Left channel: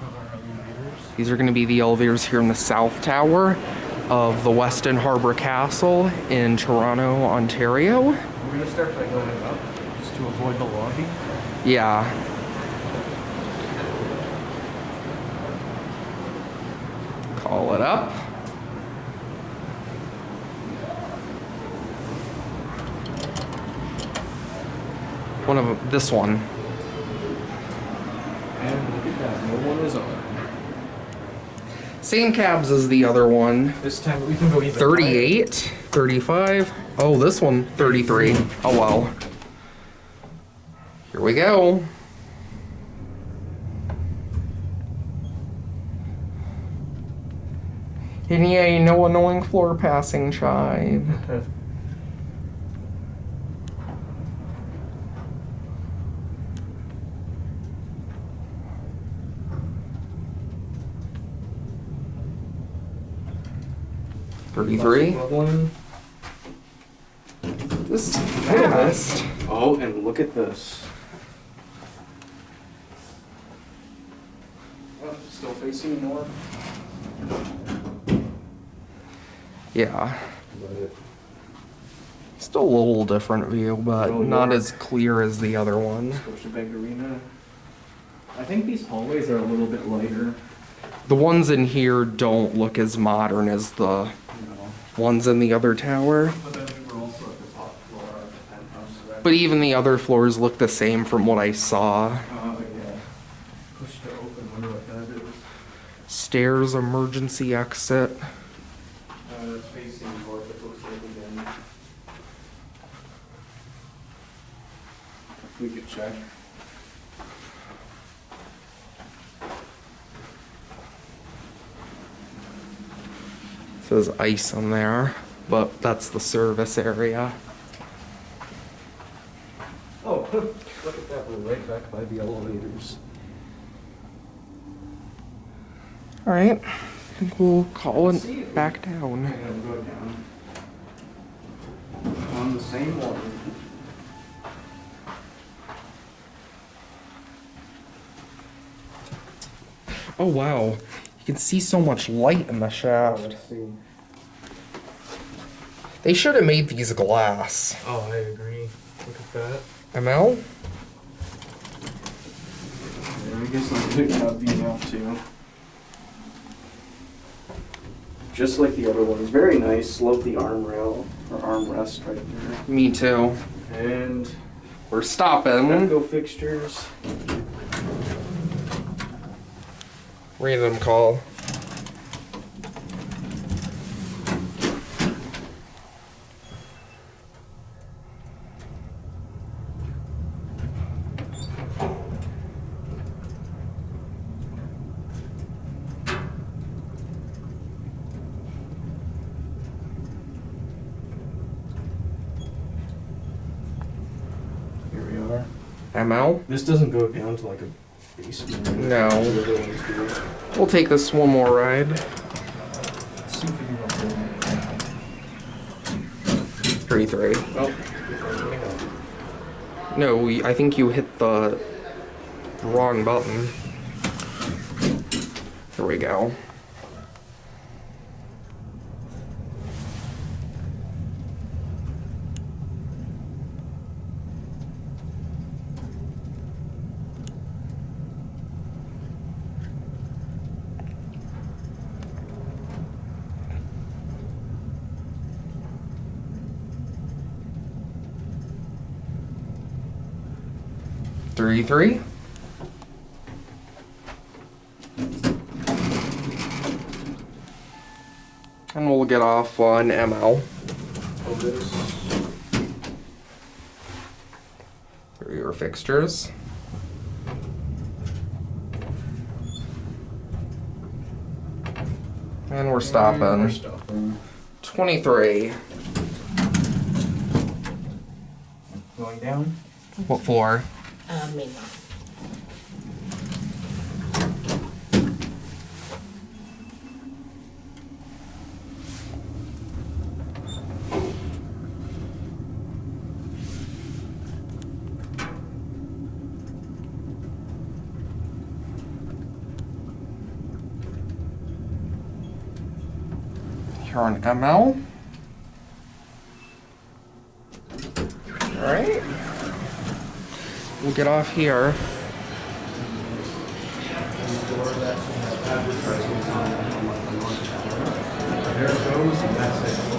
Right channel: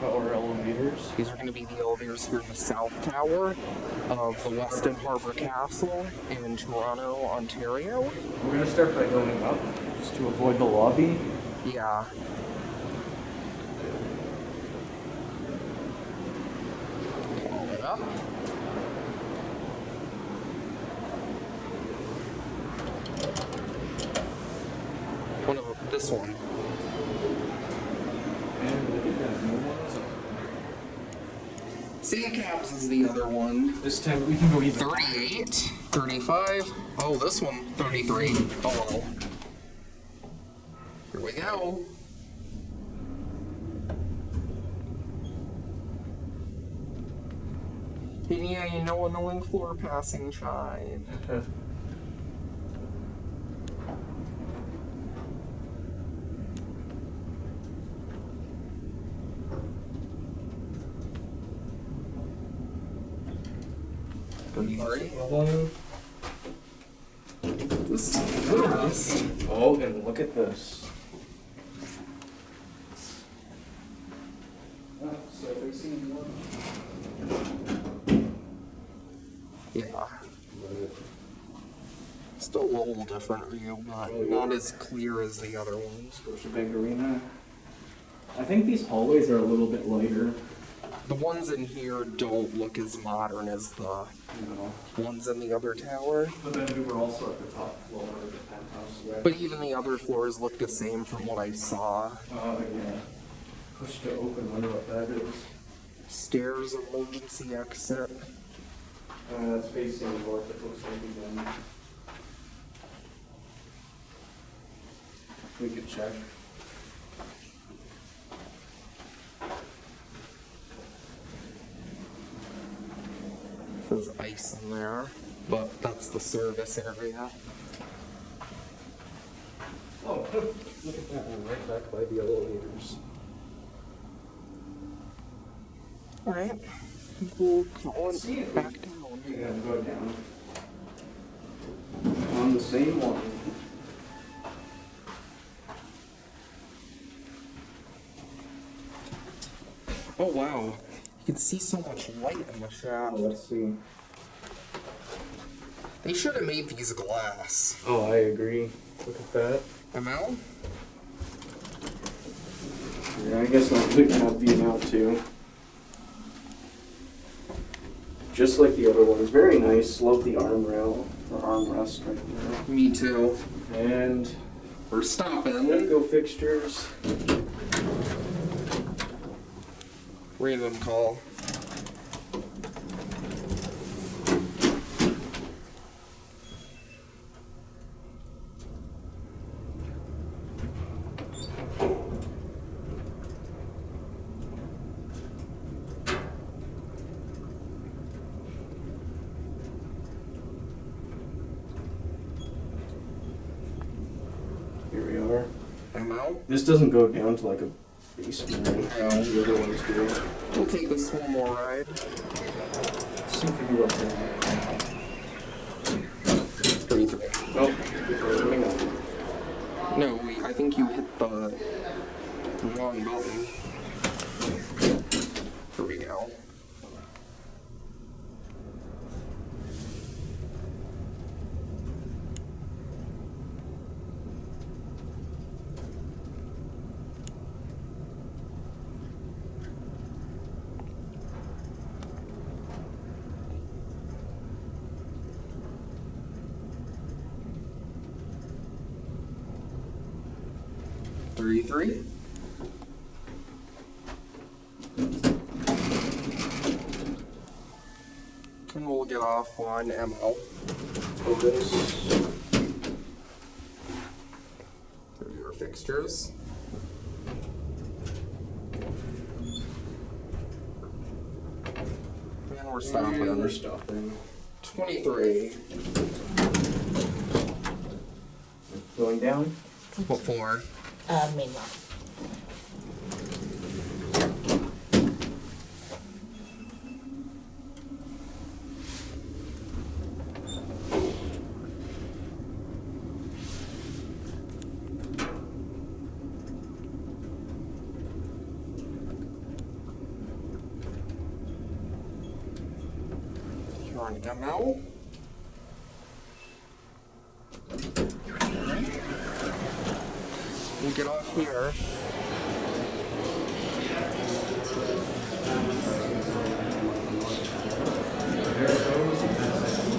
Tower elevators. These are going to be the elevators here in the South Tower of the Westin Harbour Castle in Toronto, Ontario. We're going to start by going up, just to avoid the lobby. Yeah. Call it up. This one. And look at that, no one is on. Same cabs as the other one. This time we can go even 38, 35. Oh, this one, 33. Oh well. Here we go. And yay, no annoying floor passing chive. $33. This is fast. Oh, and look at this. Oh, still facing north. Yeah. Still a little different view, but not as clear as the other one. Scotiabank Arena. I think these hallways are a little bit lighter. The ones in here don't look as modern as the ones in the other tower. But then we were also at the top floor of the penthouse. So but even the other floors look the same from what I saw. Oh, yeah. Push to open, wonder what that is. Stairs, emergency exit. That's facing north, it looks like again. We could check. Says ice on there, but that's the service area. Oh, look at that, we're right back by the elevators. All right, I think we'll call it back down. Yeah, we'll go down. On the same one. Oh wow, you can see so much light in the shaft. Let's see. They should have made these glass. Oh, I agree. Look at that. ML? Yeah, I guess I'll pick out view now too. Just like the other ones. Very nice. Love the arm rail or armrest right there. Me too. And we're stopping. EPCO Fixtures. Random call. Here we are. ML? This doesn't go down to like a basement. No. The other ones do. We'll take this one more ride. Let's see if we can go up there. 33. Oh, hang on. No, I think you hit the wrong button. Here we go. Three. And we'll get off on ML. Otis. There are your fixtures. And we're stopping. And we're stopping. 23. Going down? What floor? Main line. here on ML. Alright. We'll get off here. There it goes, and that's it.